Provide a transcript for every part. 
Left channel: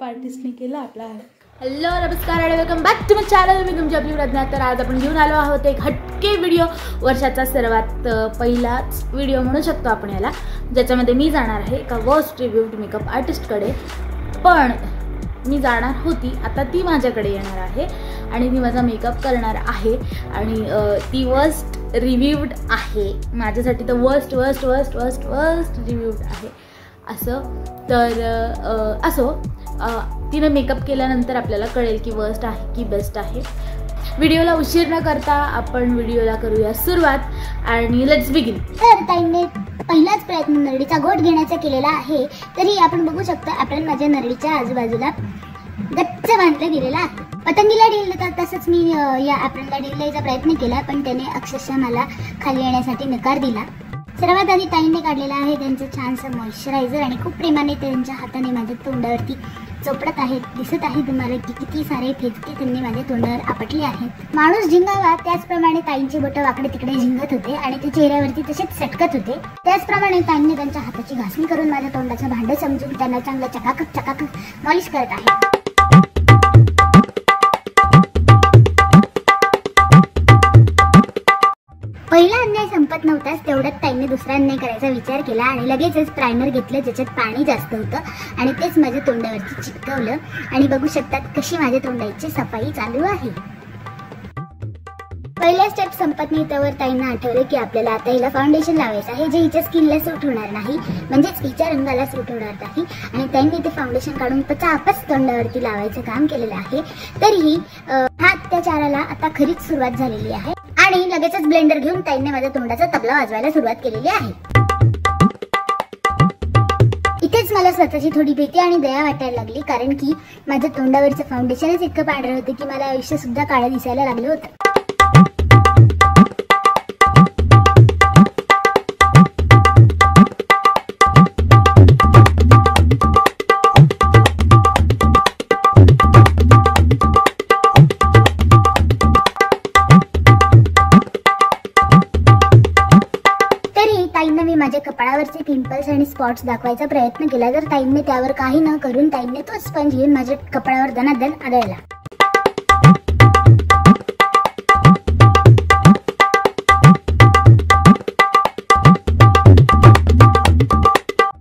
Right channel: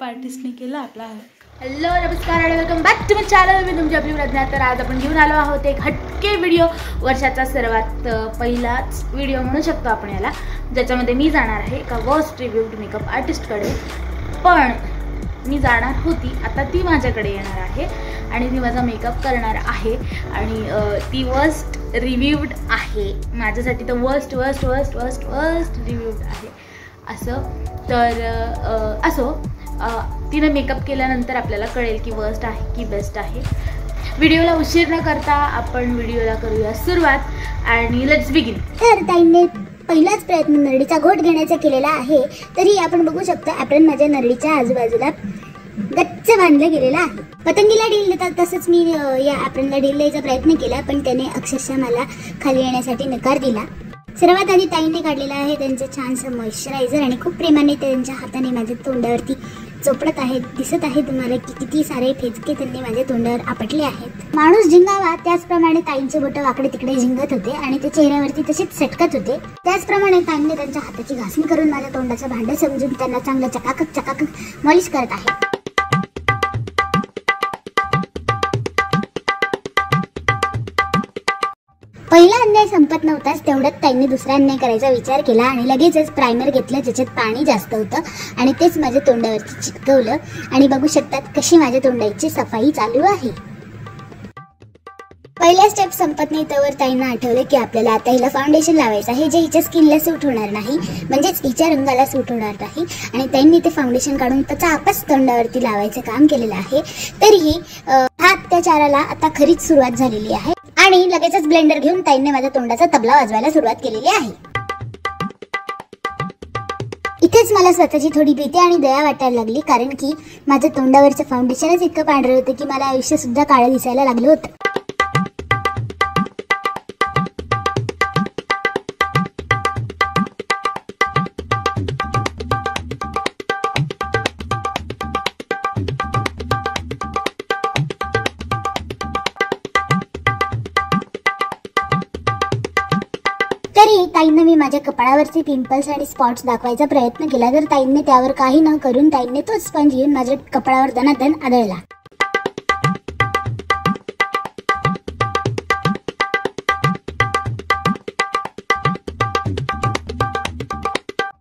Makeup आर्टिस्टने केला आपला। Hello नमस्कार आणि welcome back to my channel. मी तुमची आपली प्रज्ञा। तर आज आपण घेऊन आलो आहोत एक हटके व्हिडिओ, वर्षाचा सर्वात पहिलाच व्हिडिओ म्हणू शकतो आपण याला, ज्याच्यामध्ये मी जाणार आहे एका वर्स्ट रिव्ह्यूड मेकअप आर्टिस्टकडे। पण मी जाणार होती, आता ती माझ्याकडे येणार आहे आणि ती माझा मेकअप करणार आहे आणि ती वर्स्ट रिव्ह्यूड आहे माझ्यासाठी। तर worst worst worst worst worst reviewed आहे असं। तर असो, तिने मेकअप केल्यानंतर आपल्याला कळेल की वर्स्ट आहे की बेस्ट आहे। व्हिडिओला उशीर न करता आपण व्हिडिओला करूया सुरुवात आणि लेट्स बिगिन। तर ताईंनी पहिलाच प्रयत्न नरडीचा घोट घेण्याचा केलेला आहे, तरी आपण बघू शकतो ॲप्रॉन माझ्या नरडीच्या आजूबाजूला गच्च बांधलं गेलेलं आहे। पतंगीला डील देतात तसंच मी या ॲप्रॉनला डील द्यायचा प्रयत्न केला, पण त्याने अक्षरशः मला खाली येण्यासाठी नकार दिला। सर्वात आधी ताईंनी काढलेला आहे त्यांचं छानसं मॉइश्चरायझर आणि खूप प्रेमाने त्यांच्या हाताने माझ्या तोंडावरती चोपडत आहेत। दिसत आहे तुम्हाला की किती सारे फेचके त्यांनी माझ्या तोंडावर आपटले आहेत। माणूस झिंगावा त्याचप्रमाणे ताईंची बोटं वाकडे तिकडे झिंगत होते आणि ते चेहऱ्यावरती तसेच सटकत होते। त्याचप्रमाणे ताईंनी त्यांच्या हाताची घासणी करून माझ्या तोंडाचं भांडं समजून त्यांना चांगलं चकाकक चकाकक मॉलिश करत आहे। पहिला अन्याय संपत नव्हताच तेवढ्यात ताईंनी दुसरा अन्याय करायचा विचार केला आणि लगेचच प्रायमर घेतलं ज्याच्यात पाणी जास्त होतं आणि तेच माझ्या तोंडावरती चिटकवलं आणि बघू शकतात कशी माझ्या तोंडाची सफाई चालू आहे। पहिला स्टेप संपत नाही तोवर ताईंना आठवलं की आपल्याला आता हिला फाउंडेशन लावायचं आहे, जे हिच्या स्किनला सूट होणार नाही, म्हणजेच हिच्या रंगाला सूट होणार नाही आणि ताईंनी ते फाउंडेशन काढून पचापच तोंडावरती लावायचं काम केलेलं आहे। तरीही हा अत्याचाराला आता खरीच सुरुवात झालेली आहे आणि लगेचच ब्लेंडर घेऊन ताईंनी माझ्या तोंडाचा तबला वाजवायला सुरुवात केलेली आहे। इथेच मला स्वतःची थोडी भीती आणि दया वाटायला लागली, कारण की माझ्या तोंडावरचं फाउंडेशनच इतकं पांढरं होतं की मला आयुष्य सुद्धा काळं दिसायला लागलं होतं। ताईंना मी माझ्या कपाळावरचे पिंपल्स आणि स्पॉट्स दाखवायचा प्रयत्न केला, तर ताईंनी त्यावर काही न करून ताईंनी तो स्पंज घेऊन माझ्या कपाळावर दनादन आदळला।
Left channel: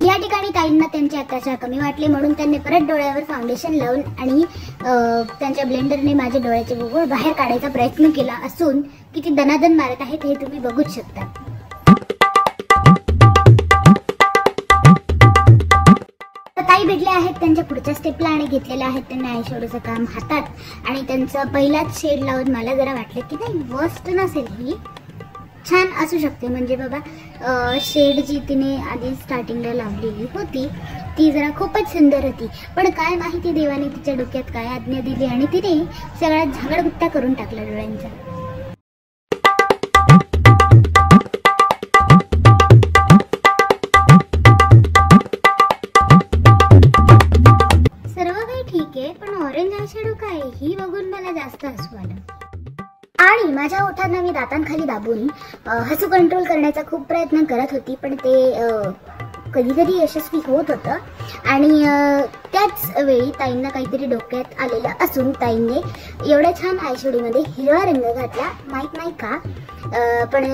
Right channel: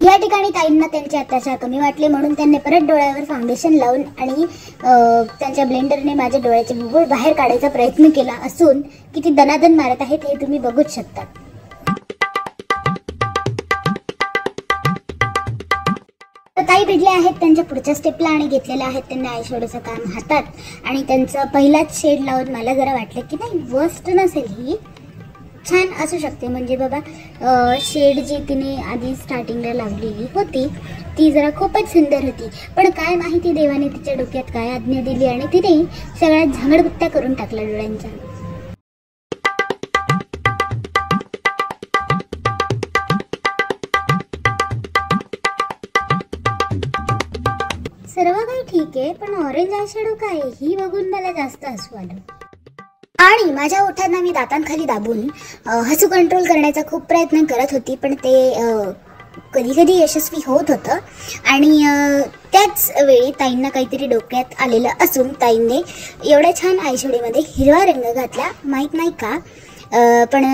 या ठिकाणी ताईंना त्यांचे अत्याचार कमी वाटले म्हणून त्यांनी परत डोळ्यावर फाउंडेशन लावून आणि त्यांच्या ब्लेंडरने माझ्या डोळ्याचे बुबुळ बाहेर काढायचा प्रयत्न केला असून किती दनादन मारत आहेत हे तुम्ही बघूच शकता। ताई भिडले आहेत त्यांच्या पुढच्या स्टेपला आणि घेतलेले आहेत त्यांनी आयशॅडोचं काम हातात आणि त्यांचा पहिलाच शेड लावून मला जरा वाटलं की नाही वर्स्ट नसेल, ही छान असू शकते। म्हणजे बाबा शेड जी तिने आधी स्टार्टिंगला लावलेली होती ती जरा खूपच सुंदर होती, पण काय माहिती देवाने तिच्या डोक्यात काय आज्ञा दिली आणि तिने सगळ्या झांगडबुत्त्या करून टाकल्या डोळ्यांच्या। ठीक आहे, पण ऑरेंज आयशॅडो काय ही बघून मला जास्त हसू आलं आणि माझ्या ओठांना मी दातांखाली दाबून हसू कंट्रोल करण्याचा खूप प्रयत्न करत होती, पण ते कधी कधी यशस्वी होत होतं आणि त्याच वेळी ताईंना काहीतरी डोक्यात आलेलं असून ताईंनी एवढ्या छान आयशॅडोमध्ये हिरवा रंग घातला, माहीत नाही का, पण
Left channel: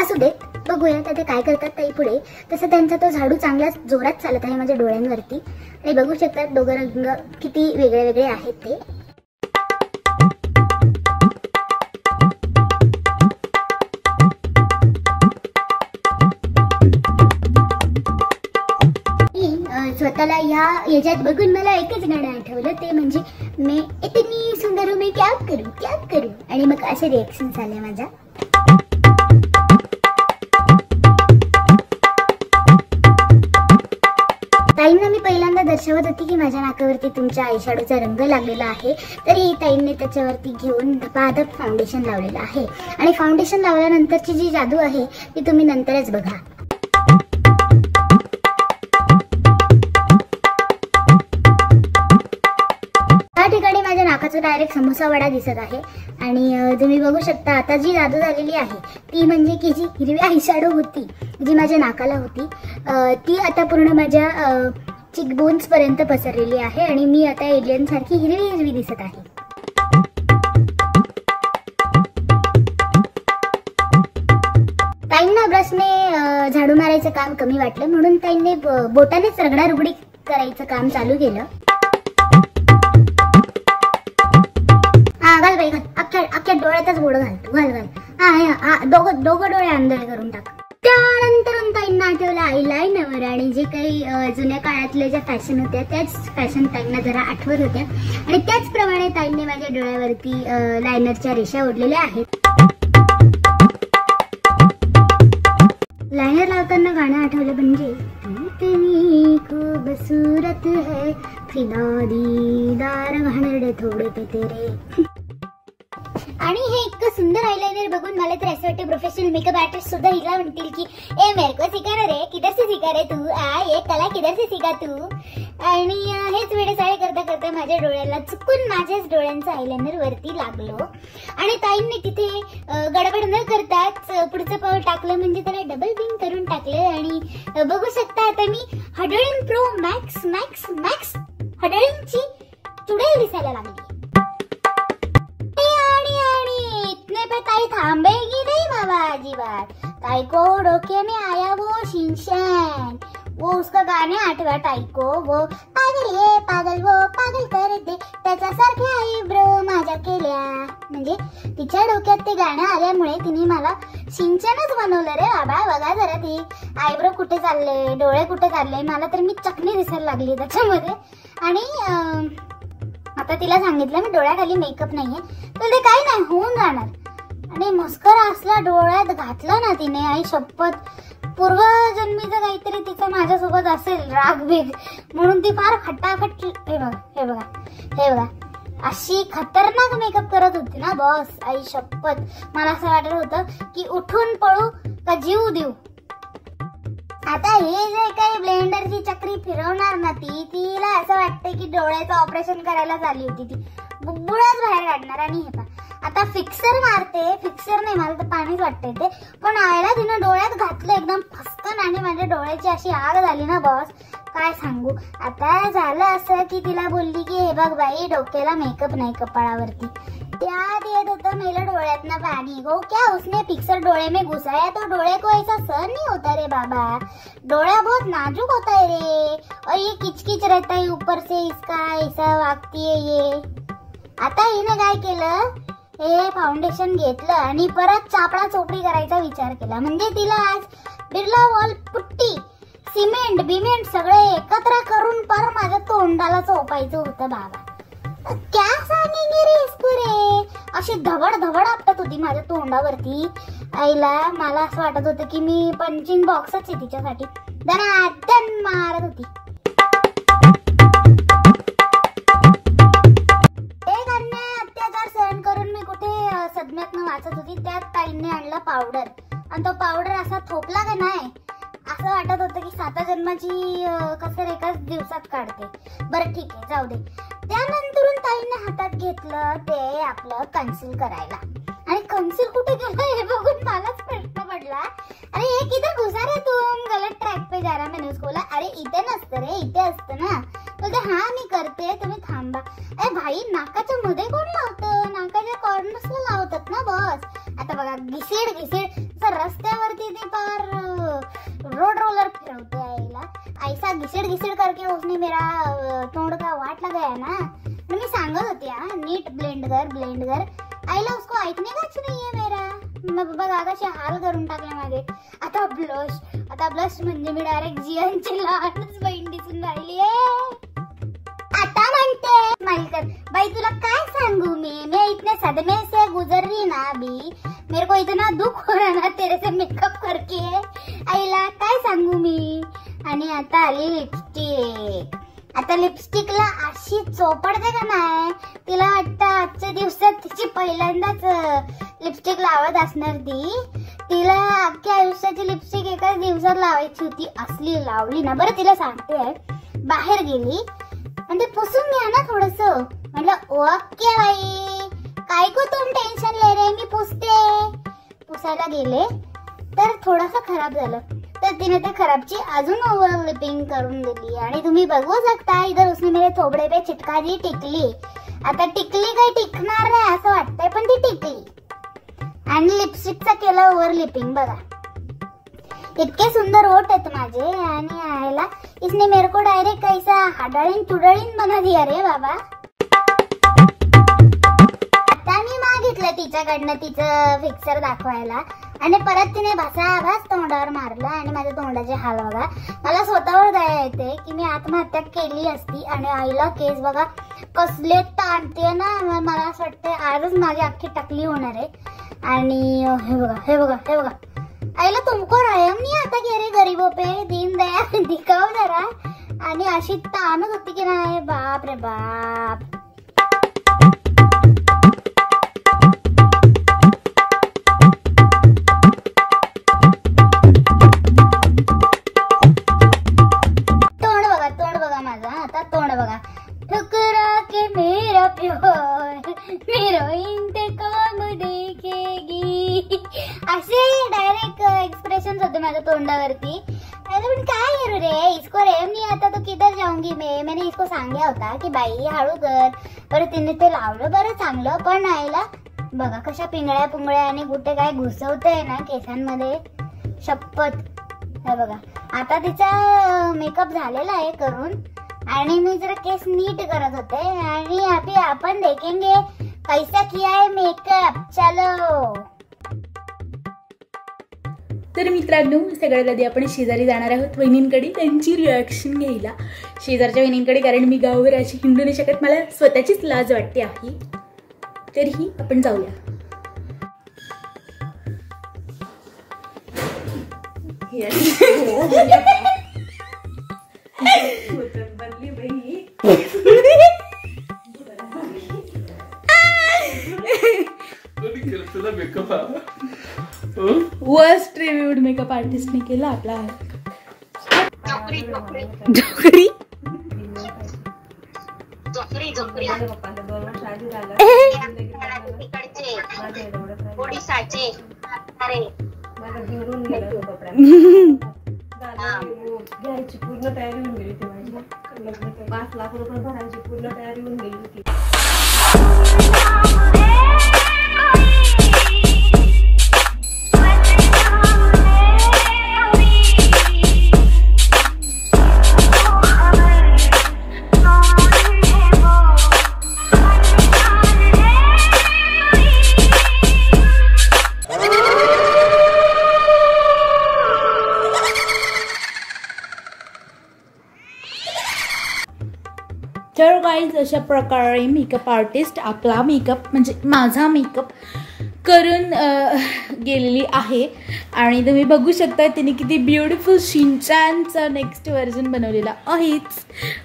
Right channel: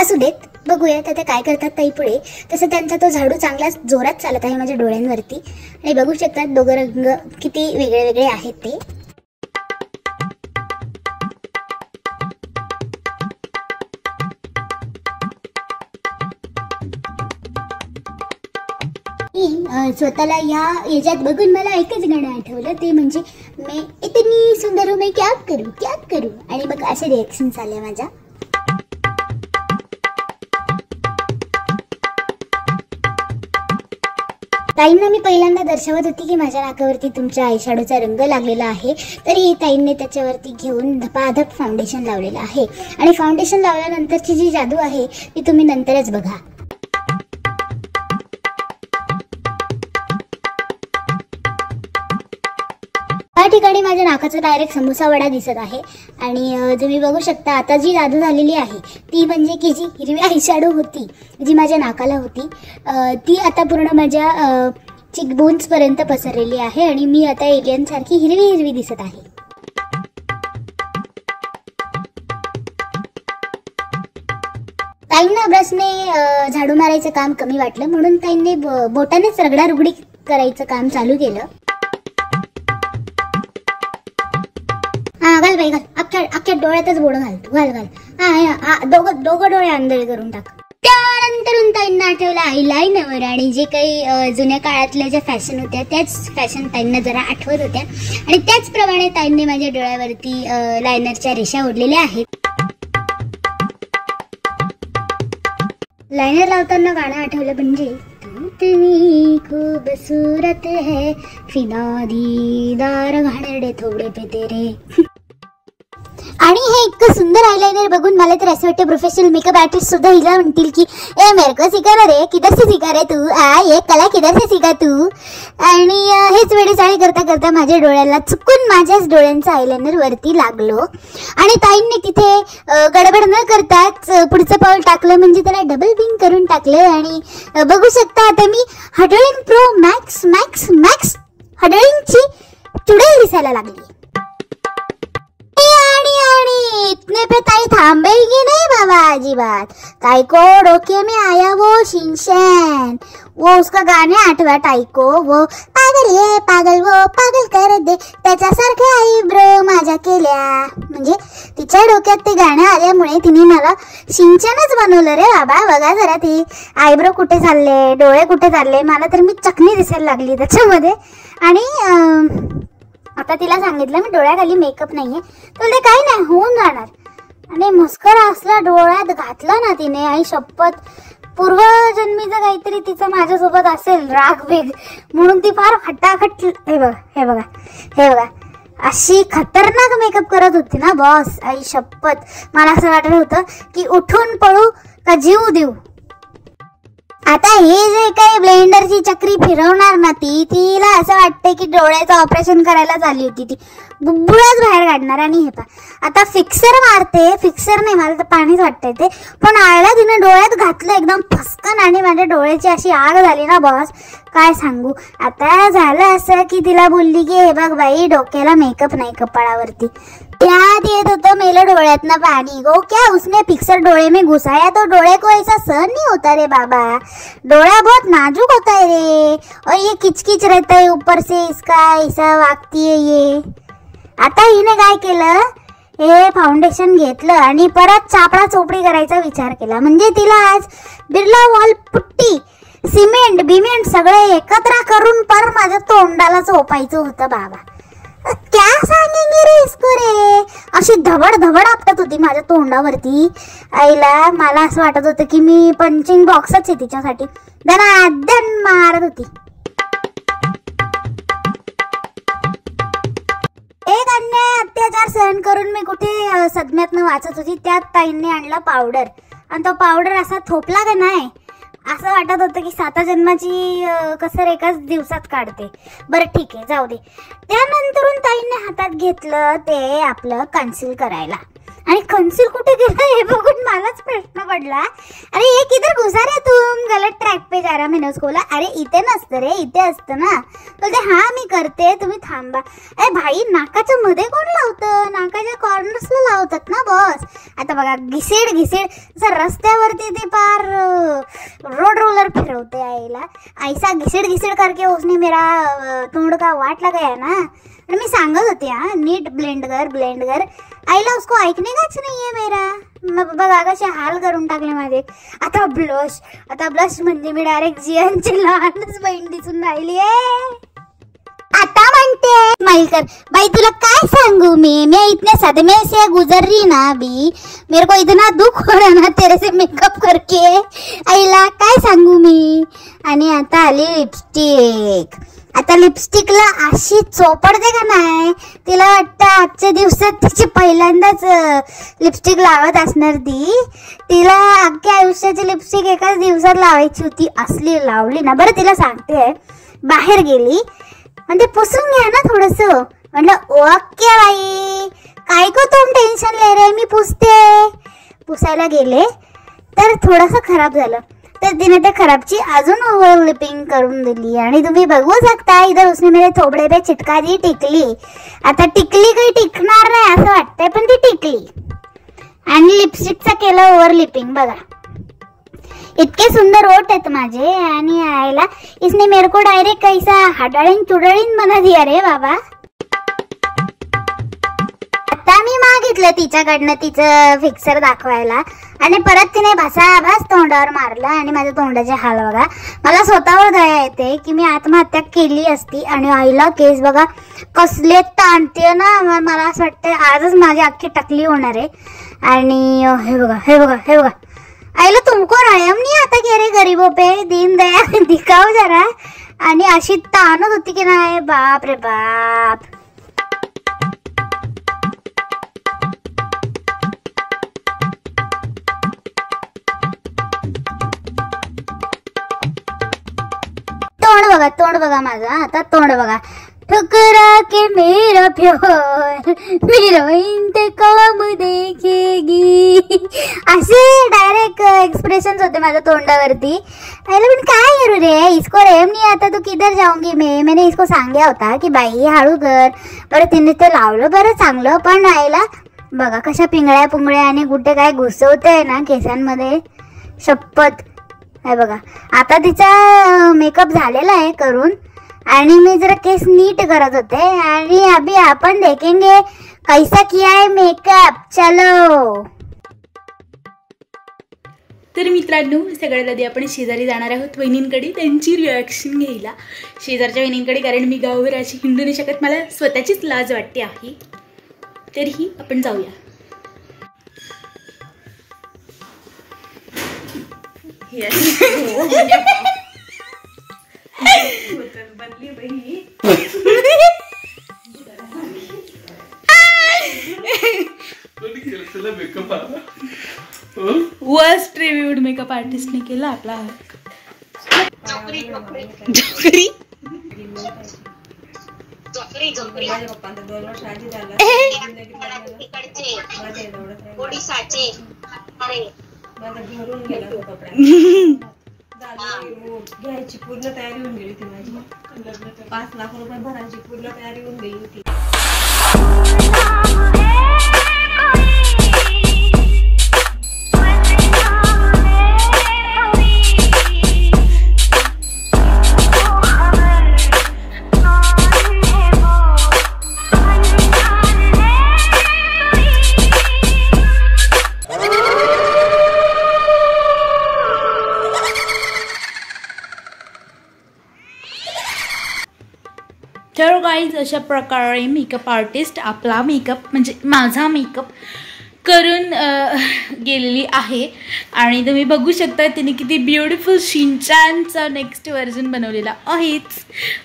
असू देत, बघूया ते काय करतात ताई पुढे। तसं त्यांचा तो झाडू चांगलाच जोरात चालत आहे माझ्या डोळ्यांवरती आणि बघू शकतात दोघं रंग किती वेगळे वेगळे आहेत ते। स्वतःला याच्यात बघून मला एकच गाणं आठवलं, ते म्हणजे मैं इतनी सुंदर हूं मैं क्या करूं आणि मग असे रिएक्शन्स आले माझ्या। ताईंना मी पहिल्यांदा दर्शवत होती की माझ्या नाकावरती तुमच्या आयशॅडोचा रंग लागलेला आहे, तरी ताईंनी त्याच्यावरती घेऊन धपाधप फाउंडेशन लावलेलं आहे आणि फाउंडेशन लावल्यानंतरची जी जादू आहे ती तुम्ही नंतरच बघा। या ठिकाणी माझ्या नाकाचा डायरेक्ट समोसा वडा दिसत आहे आणि तुम्ही बघू शकता आता जी जादू झालेली आहे ती म्हणजे की जी हिरवी आयशॅडो होती जी माझ्या नाकाला होती ती आता पूर्ण माझ्या चिक बोन्स पर्यंत पसरलेली आहे आणि मी आता एलियन सारखी हिरवी हिरवी दिसत आहे. ताईंना ब्रशने झाडू मारायचं काम कमी वाटलं म्हणून ताईंनी बोटानेच रगडारगडी करायचं काम चालू केलं. घाल बाई घाल, अख्ख्या डोळ्यातच बोट घालतो, घाल घाल. दोघं डोळे आंधळे करून टाक. त्यानंतर ताईंना आठवलं आयलाइनर आणि जे काही जुन्या काळातल्या ज्या फॅशन होत्या त्याच फॅशन ताईंना जरा आठवत होत्या आणि त्याचप्रमाणे ताईंनी माझ्या डोळ्यावरती लायनरच्या रेषा ओढलेल्या आहेत. लायनर लावताना गाणं आठवलं म्हणजे इतनी खूबसूरत है फिदा दीदार घाणेरडे थोडे पे तेरे. आणि हे इतकं सुंदर आयलाइनर बघून मला तर असं वाटतं प्रोफेशनल मेकअप आर्टिस्ट सुद्धा हिला म्हणतील की ए मेरे को सिखा रे, किधर से सिखा रे तू, ये कला किधर से सिखा तू. आणि हेच वेळेचाळी करता करता माझ्या डोळ्याला चुकून माझ्याच डोळ्यांचं आयलाइनर वरती लागलो आणि ताईंनी तिथे गडबड न करताच पुढचं पाऊल टाकलं म्हणजे त्याला डबल बिंग करून टाकलं. आणि बघू शकता आता मी huddling pro max max max हडलिंगची चुडेल दिसायला लागली. इतने पे ताई थांबेगी नहीं बाबा अजीबात. ताई को डोके में आया वो शिनचैन, वो उसका गाणे आठवा ताई को, वो पागल ये पागल वो पागल कर दे त्याच्यासारखे आईब्रो माझ्या केल्या. म्हणजे तिच्या डोक्यात ते गाणं आल्यामुळे तिने मला शिनचैनच बनवलं रे बाबा. बघा जरा ती आयब्रो कुठे चालले, डोळे कुठे चालले, मला तर मी चकणी दिसायला लागली त्याच्यामध्ये. आणि आता तिला सांगितलं मी डोळ्याखाली मेकअप नाहीये, तुला काय नाही होऊन जाणार. आणि मस्करा असला डोळ्यात घातला ना तिने, आई शपथ पूर्वजन्मीचं काहीतरी तिचं माझ्यासोबत असेल राग वेग म्हणून ती फार खटाखट. हे बघा अशी खतरनाक मेकअप करत होती ना बॉस. आई शपथ मला असं वाटत होतं की उठून पळू का जीव देऊ. आता हे जे काही ब्लेंडरची चक्री फिरवणार ना तिला असं वाटतंय की डोळ्याचं ऑपरेशन करायला झाली होती, ती बुबुळाच बाहेर काढणार. आणि हे पा आता फिक्सर मारते, फिक्सर नाही मला तर पाणीच वाटतंय ते, पण आळला तिने डोळ्यात घातलं एकदम फसकन आणि माझ्या डोळ्याची अशी आग झाली ना बॉस काय सांगू. आता झालं असं की तिला बोलली की हे बघ बाई डोक्याला मेकअप नाही कपाळावरती, याद येत होतं मेलं डोळ्यातनं पानी. गो क्या उसने फिक्सर डोळे में घुसाया तो डोळे को ऐसा सहन नहीं होता रे बाबा, डोळा बहुत नाजुक होता है रे और ये किचकिच रहता है ऊपर से इसका, ऐसा वागती है ये. आता हिने काय केलं, हे फाउंडेशन घेतलं आणि परत चापडा चोपडी करायचा विचार केला. म्हणजे तिला आज बिर्ला वॉल पुट्टी सिमेंट बिमेंट सगळे एकत्र करून पर माझ्या तोंडाला चोपायचं होतं बाबा. क्या सांगेंगे रे इसको रे. अशी धबड धबड आपटत होती माझ्या तोंडावरती. आईला मला असं वाटत होतं की मी पंचिंग बॉक्सच आहे तिच्यासाठी. दन मारत होती. एक अन्याय अत्याचार सहन करून मी कुठे सदम्यातनं वाचत होती, त्यात ताईंनी आणला पावडर आणि तो पावडर असा थोपला का नाही असं वाटत होतं की 7 जन्माची कसर एकाच दिवसात काढते. बरं ठीक आहे जाऊ दे. त्यानंतरून ताईंनी हातात घेतलं ते आपलं कन्सील करायला आणि कन्सील कुठे गेलं हे बघून मलाच प्रश्न पडला. अरे ये किधर घुसा रे तुम, गलत ट्रॅक पे जा रहा मैंने उसको बोला. अरे इथे नसतं रे इथे असतं ना. बोलते हा मी करते तुम्ही थांबा. अरे भाई नाकाच्या मध्ये कोण लावतं, नाकाच्या कॉर्नर्सला लावतात ना बॉस. आता बघा घिसेड घिसेड रस्त्यावरती ते पार रोड रोलर फिरवते आईला. ऐसा घिसेड घिसेड करके उसने मेरा तोंड का वाट लगाया ना. और मी सांगत होते हा नीट ब्लेंड कर. आईला उसको ऐकणे काच नाहीये मेरा. बघा कसे हाल करून टाकले माझे. आता ब्लश म्हणजे मी डायरेक्ट जियांची लहानच बहीण दिसून राहिली आहे. आता म्हणते स्माइल कर भाई, तुला काय सांगू मी इतने सदमे से गुजर रही ना अभी, मेरे को इतना दुख हो रहा ना तेरे से मेकअप करके. आईला काय सांगू मी. आणि आता आली लिपस्टिक. आता लिपस्टिकला अशी चोपडते का नाही, तिला वाटतं आजच्या दिवसात तिची पहिल्यांदाच लिपस्टिक लावत असणार ती. तिला अख्ख्या आयुष्याची लिपस्टिक एकाच दिवसात लावायची होती, असली लावली ना. बरं तिला सांगते, बाहेर गेली म्हणजे पुसून घ्या ना थोडस. म्हटलं ओके बाई काय को तुम टेन्शन ले रे, मी पुसते. पुसायला गेले तर थोडंसं खराब झालं. तर तिने ते खराबची अजून ओव्हर लिपिंग करून दिली आणि तुम्ही बघू शकता इधर उसने मेरे थोबड़े पे चिटका दी टिकली. आता टिकली काही टिकणार नाही असं वाटतंय पण ती टिकली. आणि लिपस्टिकचा केलं ओव्हर लिपिंग बघा. इतके सुंदर ओठ आहेत माझे आणि आयला इसने मेरे को डायरेक्ट कैसा हाडाळीन चुडाळीन बना दिया रे बाबा. आता मी मागितलं तिच्याकडनं तिचं फिक्सर दाखवायला आणि परत तिने भासाभास तोंडावर मारलं आणि माझ्या तोंडाचे हाल बघा. मला स्वतःवर दया येते की मी आत्महत्या केली असती. आणि आईला केस बघा कसले ताणते ना. मला असं वाटतं आजच माझी अख्खी टकली होणार आहे. आणि हे बघा हे बघा हे बघा आईला तुमको रहम नहीं आता की अरे गरीबों पे दीन दया दिखाओ जरा. आणि अशी ताणत होती की नाही बाप रे बाप. तोंड बघा माझा. आता तोंड बघा. ठुकरा के मेरा प्यार मेरा इंतकाम देखेगी असे डायरेक्ट एक्सप्रेशन होते माझ्या तोंडावरती. पण काय करू रे इसको रेम नहीं आता तो किधर जाऊंगी मैंने इसको सांगितलं होता की बाई हळू कर. बरं तिने ते लावलं बरं चांगलं. पण आईला बघा कशा पिंगळ्या पुंगळ्या आणि कुठे काय घुसवते ना केसांमध्ये शपथ. हे बघा आता तिचा मेकअप झालेला आहे करून आणि मी जरा केस नीट करत होते. आणि अभी आपण देखेंगे कैसा किया है मेकअप. चलो. तर मित्रांनो सगळ्यात आधी आपण शेजारी जाणार आहोत वहिनींकडे त्यांची रिॲक्शन घ्यायला. शेजारच्या वहिनींकडे कारण मी गावावर अशी हिंडू नाही शकत. मला स्वतःचीच लाज वाटते आहे. तरीही आपण जाऊया. वर्स्ट रिव्ह्यूड मेकअप आर्टिस्टने केला आपला. घ्यायची पूर्ण तयारी होऊन गेली होती माझी. 5 लाख रुपये भरायची पूर्ण तयारी होऊन गेली होती. तर गाईज अशा प्रकारे मेकअप आर्टिस्ट आपला मेकअप म्हणजे माझा मेकअप करून गेलेली आहे. आणि तुम्ही बघू शकता तिने किती ब्युटिफुल शिनचॅनचा नेक्स्ट व्हर्जन बनवलेला आहेच.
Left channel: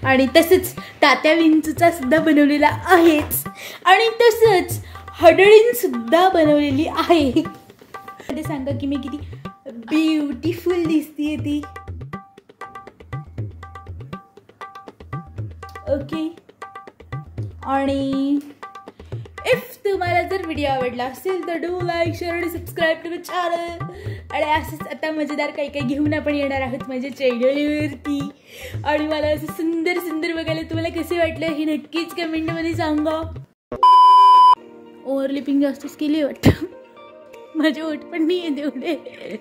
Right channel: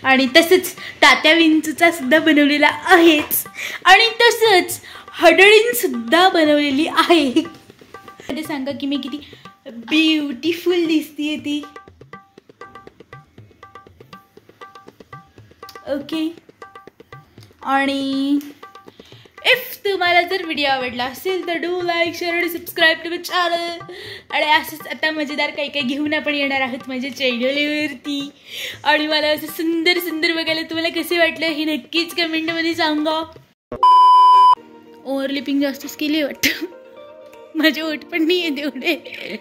आणि तसंच तात्या विंचूचा सुद्धा बनवलेला आहेच. आणि तसंच हडळींसुद्धा बनवलेली आहे. ते सांगा की मी किती ब्युटिफुल दिसते ती. ओके. आणि इफ तुम्हाला जर व्हिडिओ आवडला असेल तर डू लाईक शेअर आणि सबस्क्राईब टू माय चॅनल. आणि असंच आता मजेदार काही काही घेऊन आपण येणार आहोत माझ्या चॅनलवरती. आणि मला असं सुंदर सुंदर बघायला तुम्हाला कसे वाटलं हे नक्कीच कमेंटमध्ये सांगा. ओव्हर लिपिंग जास्तच केली वाटतं. माझे ओठ पण नाही आहे तेवढे.